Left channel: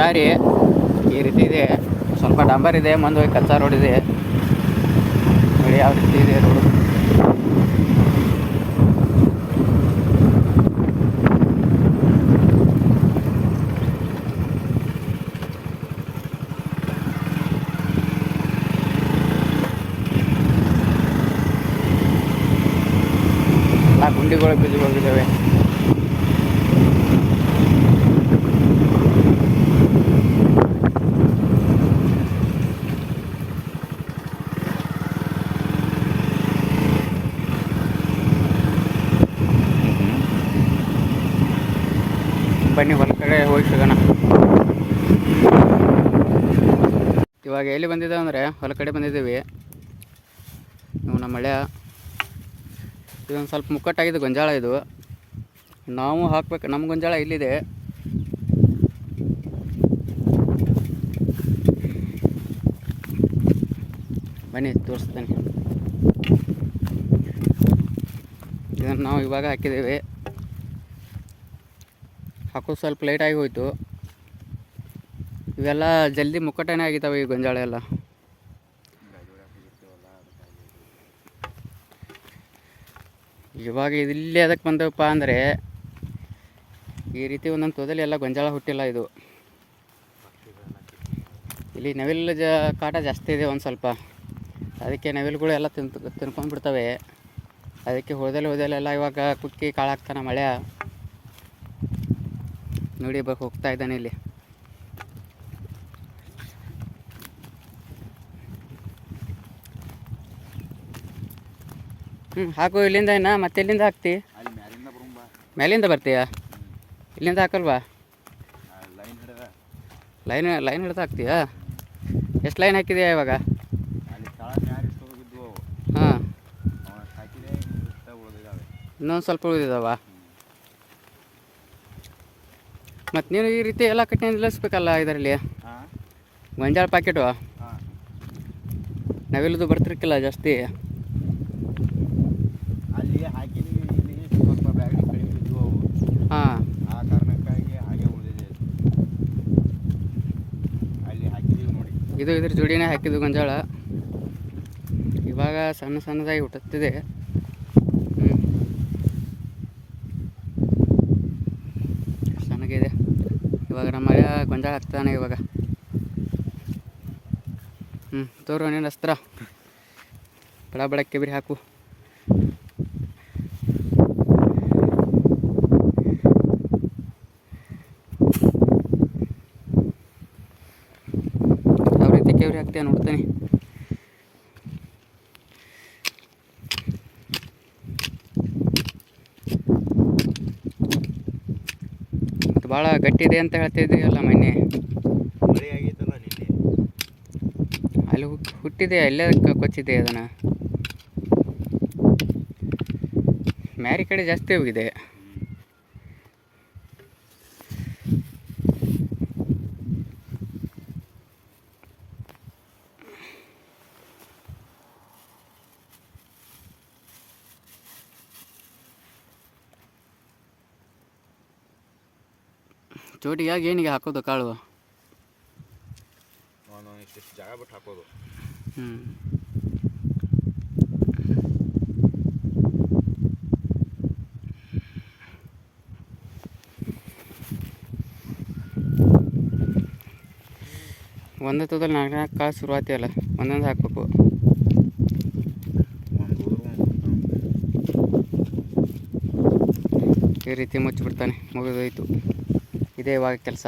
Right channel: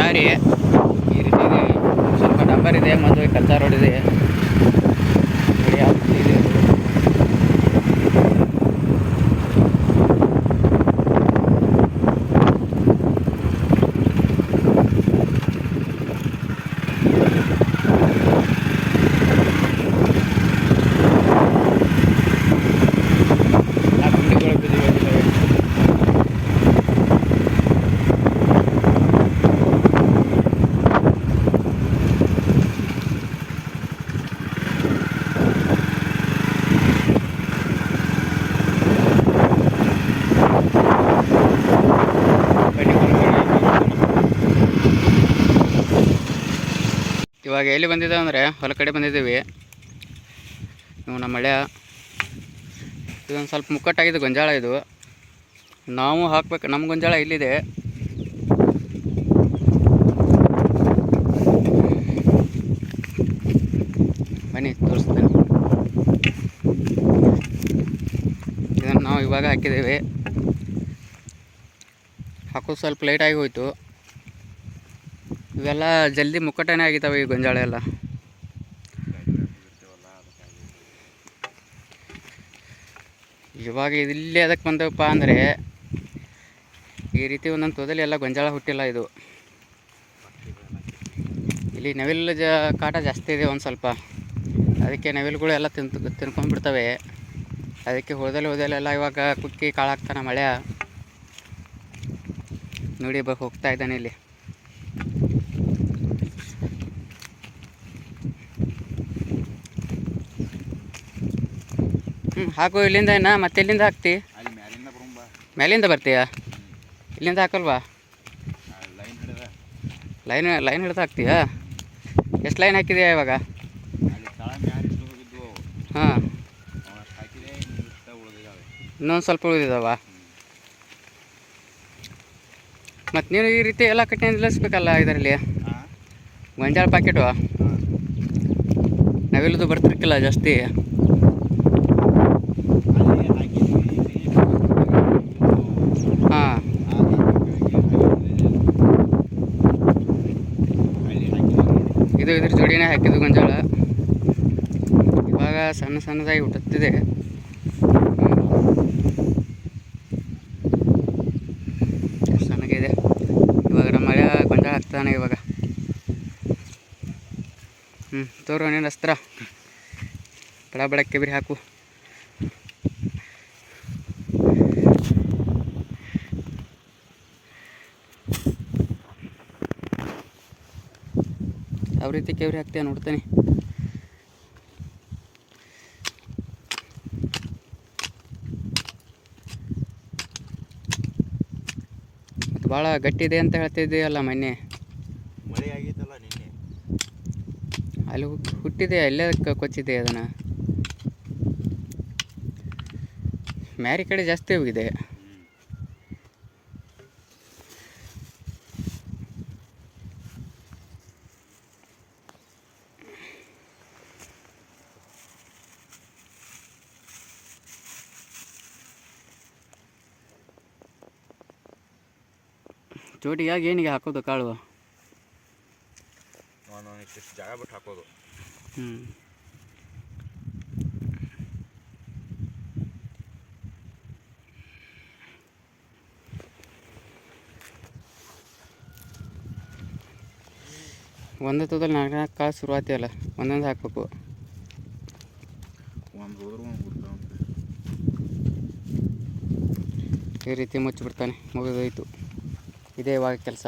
ದಾರಿ ಈ ರೀತಿ ಇದೆ. ಸ್ವಲ್ಪ ಡಂಬರ್ ಇದೆ, ಮುಂದೆ ಕಚ್ಚಾ ರೋಡ್ ಇದೆ. ನೋಡಿ ಯಾವ ರೀತಿ ಇದೆ ರೋಡು. ಗುಂಡಿಗಳು ಬಿದ್ದು ಹೋಗಿದ್ದಾವೆ. ಬನ್ನಿ ಹೊರಗಡೆ ಹೋಗಿದ್ದಾನ. ಇವಾಗ ಎಲ್ಲಿ ಬಂದಿದ್ದೇವೆ ಅಂದರೆ ಹೊಲ ಕಡೆ ಬಂದಿದ್ದೀವಿ. ನೀವು ನಮ್ಮ ಮಳೆ ಇದೊಂದು ಸ್ವಲ್ಪ ಮುಕ್ಕಟ್ಟಾಗಿದೆ ಗೊಂಜಾಳ. ಇದು ನಾವು ಹಾಕ್ಬೇಕು. ನಮ್ಮ ಗೊಂಜಾಳ ಇಲ್ಲಿದೆ. ಬನ್ನಿ ತೋರಿಸ್ತೇನೆ. ಇದನ್ನು ನಾವು ಇವಾಗ ಹಾಕಿದ್ದೇವೆ. ಹಾಕೋದು ಸ್ವಲ್ಪ ಲೇಟಾಗಿ ಹೋಯಿತು. ಇವೆಲ್ಲ ಜಲ್ದಿ ಮುಕ್ಕಟನೇ ಆಗಿದ್ದಾವೆ ಈ ಗೊಂಜಾಳ ಎಲ್ಲ. ಇವಾಗ ಇಲ್ಲಿ ಅದಕ್ಕೆ ಬಂದವಪ್ಪ ಅಂದರೆ ಈ ರೀತಿ ಒಂದೊಂದು ತೋದಲ್ಲಿ ಎಲ್ಲ ಗೊಂಜಾಳ ಹುಟ್ಟಿಲ್ಲ. ಇದು ಇಲ್ಲಿ ನವಿಲು ಕಾಟ ಜಾಸ್ತಿ ಇದೆ ಒಂದು ಸ್ವಲ್ಪ. ಅದಕ್ಕೆ ನವಿಲುಗಳು ಎಲ್ಲ ತಿನ್ಕೊಂಡು ಬಿಡ್ತವೆ. ಅದಕ್ಕೆ ಹೋದಲೆಲ್ಲ ಇವಾಗ ಕುಕ್ಕಿ ಕಾಳಾಗ್ತಾನೆ ಮಳೆ. ನೋಡಿ ಹೋಗ್ತಾ ಇದ್ದಾನೆ ಇಲ್ಲಿ. ಹಾಕು ಇಲ್ಲಿಂದ. ಮತ್ತೆ ಎಲ್ಲಿಂದ ಹಾಕ್ತಿ? ಮೇಲಿಂದ ಬರ್ತೀಯಾ? ಇಲ್ಲಿಂದ ಹಾಕಲ್ವಾ? ಲೈನ್ ಹಿಡ್ದು ಹಾಕ್ತೀಯಾ? ಎಷ್ಟು ಲೈನ್ ಹಾಕಿದೆಯಾ ಇವಾಗ? ಹಾಂ, ಇನ್ನೊಂದು ಸ್ವಲ್ಪ ಉಳಿದಿದ್ದಾವ. ಮತ್ತು ನೀನು ಈ ರೀತಿ ಎಲ್ಲ ಕಟ್ಟಿ ನಿಲ್ಲಿಸ್ಬೇಕಲ್ಲ ಇದರಲ್ಲಿ. ಗೊಂಜಾಳ ಪ್ಯಾಕೆಟು ನವಿಲದು ಬರ್ತಿರ್ಕಿಲ್ಲ ಜಾಸ್ತಿ. ಹಾಂ, ಇದು ಇದ್ರ ಜೋಡಿನೇ ಹಾಕಿದ್ದು ಗೊಂಜಾಳ. ಇವಾಗ ಸಣ್ಣದಾಗಿ ಹುಟ್ಟುತ್ತಿದೆ. ಸಣ್ಣಗಿದೆ. ಇವಾಗ ನಮ್ಮ ಮಳೆ ಗೊಂಜಾಳ ಹಾಕ್ತಾನೆ ಇವಾಗ. ತೋರು ನೀನು ಅಸ್ತ್ರ ಬಡಕ್ಕೆ ಬಿರಿ ಹಾಕು. ಯಾವ ರೀತಿ ಕೆವ್ರಿ ಹಾಕ್ತೀಯ ನೋಡ್ತೀನಿ. ಮತ್ತು ಭಾಳ ಗಟ್ಟಿದೆ ಅಂತ ಹೇಳ್ತಿದ್ದೀಯಲ್ಲ ಮೊನ್ನೆ. ಅಲ್ಲಿ ಹುಟ್ಟಿದೆ, ಅಲ್ಲೇ ಕೊಚ್ಚಿದೆ ಅದನ್ನು. ಮ್ಯಾರಿ ಕಡೆ ಜಾಸ್ತಿ ಹೋಗಿದೆ. ಜೋಡಿಯಾಗಿ ಏನಿಗೆ ಹಾಕೋದು ಕಾಳು? ಜಾಗ ಬಿಟ್ಟು ಹಾಕೋದು. ಒಂದೇ ತೋದಲ್ಲಿ 4 ಕಾಳು ಶುರುವಾತಿ ಅಲ್ಲ, ಒಂದೊಂದು ಹಾಕ್ಬೇಕು. ಈ ರೀತಿ ಮುಚ್ಚಿಬಿಡ್ತಾನೆ. ಮುಗಿದೋಯ್ತು. ಇದೇ ಇವಾಗ ಕೆಲಸ.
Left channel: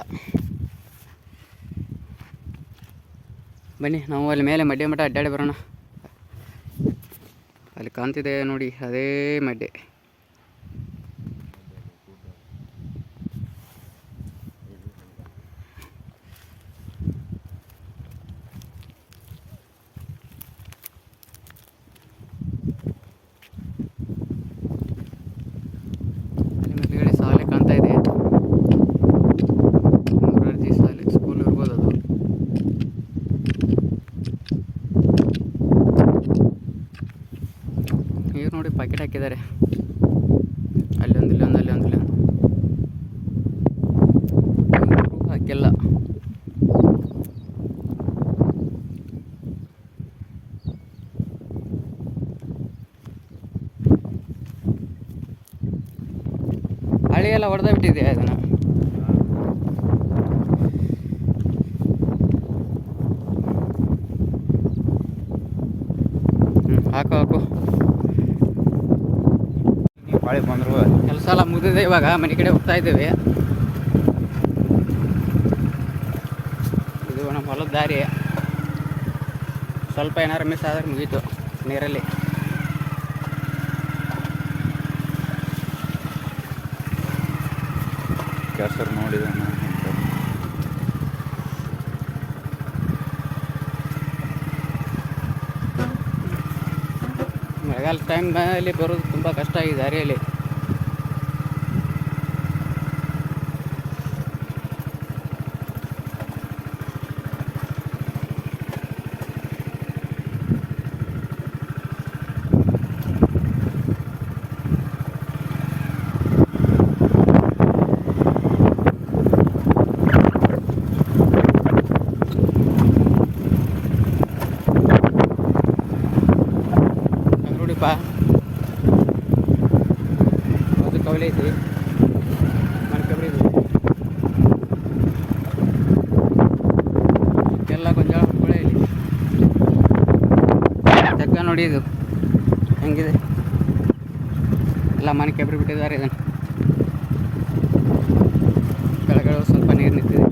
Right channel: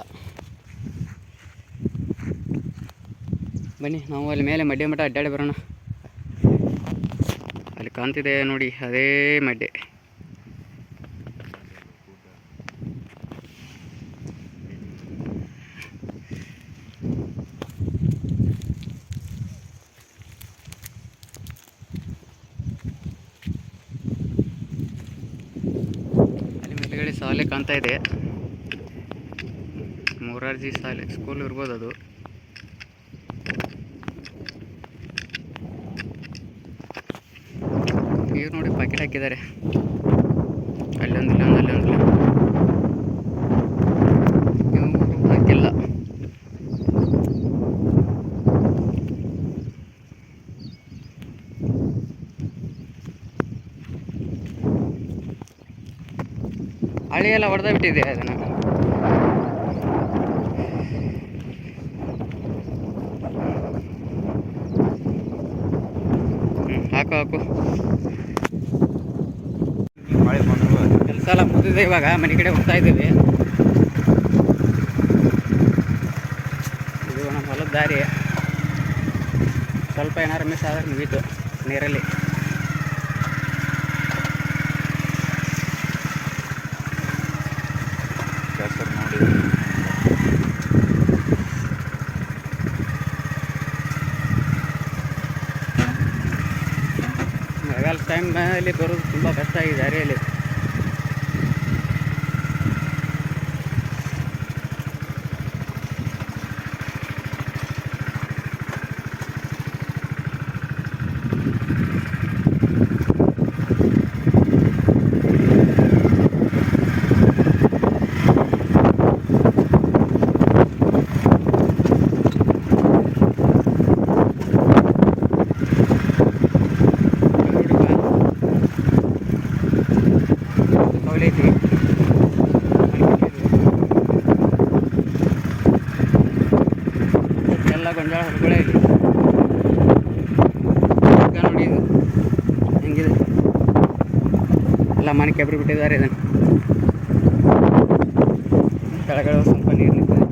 ಬನ್ನಿ ನಾವು ಅಲ್ಲಿ ಮೇಲೆ ಮಡ್ಡೆ ಮಠ ಅಡ್ಡಾಡಿ ಬರೋಣ. ಅಲ್ಲಿ ಕಾಣ್ತಿದೆ ನೋಡಿ, ಅದೇ ಮಡ್ಡೆ. ಅಲ್ಲಿ ಮೇಲ್ಗಡೆ ಶಾಲೆ ಕಾಣ್ತಾ ಇದೆ. ಮೊರಾರ್ಜಿ ಶಾಲೆ ಸ್ಕೂಲ್ ಇರ್ಬೋದು ಅದು. ನೀರು ನೋಡಿ ಪ್ಯಾಕೆಟ್ ಹಾಕಿದ್ದಾರೆ. ಅಲ್ಲೊಂದಿಲ್ಲ, ಅಲ್ಲೊಂದಿಲ್ಲ, ಹಾಕಿಲ್ಲ. ಎಲ್ಲ ಹೊಡೆದ ಬಿಟ್ಟಿದೆ ಅದನ್ನು. ಹಾಕು ಕೆಲಸ ಎಲ್ಲ ಮುಗಿದಿದೆ. ಇವಾಗ ಮನೆ ಕಡೆ ಹೋಗ್ತಾ ಇದ್ದೀವಿ. ಇದು ನಮ್ಮ ಹೊಲದ ದಾರಿ. ಸ್ವಲ್ಪ ಏನಾರು ಮಿಸ್ ಆದ್ರೆ ಮುಗೀತು ನೀರಲ್ಲಿ. ನೋಡಿ ಮಳೆಗಾಲ ಟೈಮಲ್ಲಿ ಬರೋದು ತುಂಬ ಕಷ್ಟ ಈ ದಾರಿಯಲ್ಲಿ. ಕವಲೆ ಐತಿ ಎಲ್ಲ ಗೊಂಜಾಳ ಹುಬ್ಬಳೆ ಐತಿ. ನೋಡಿ ಇದು ಹೆಂಗಿದೆ, ಎಲ್ಲ ಮನೆ ಕೆಬ್ರಿ ಬಿಟ್ಟಿದ್ದಾರೆ. ಇದನ್ನು ಕೆಳಗಡೆ ಸ್ವಲ್ಪ ನೀರು ನಿಂತಿದೆ.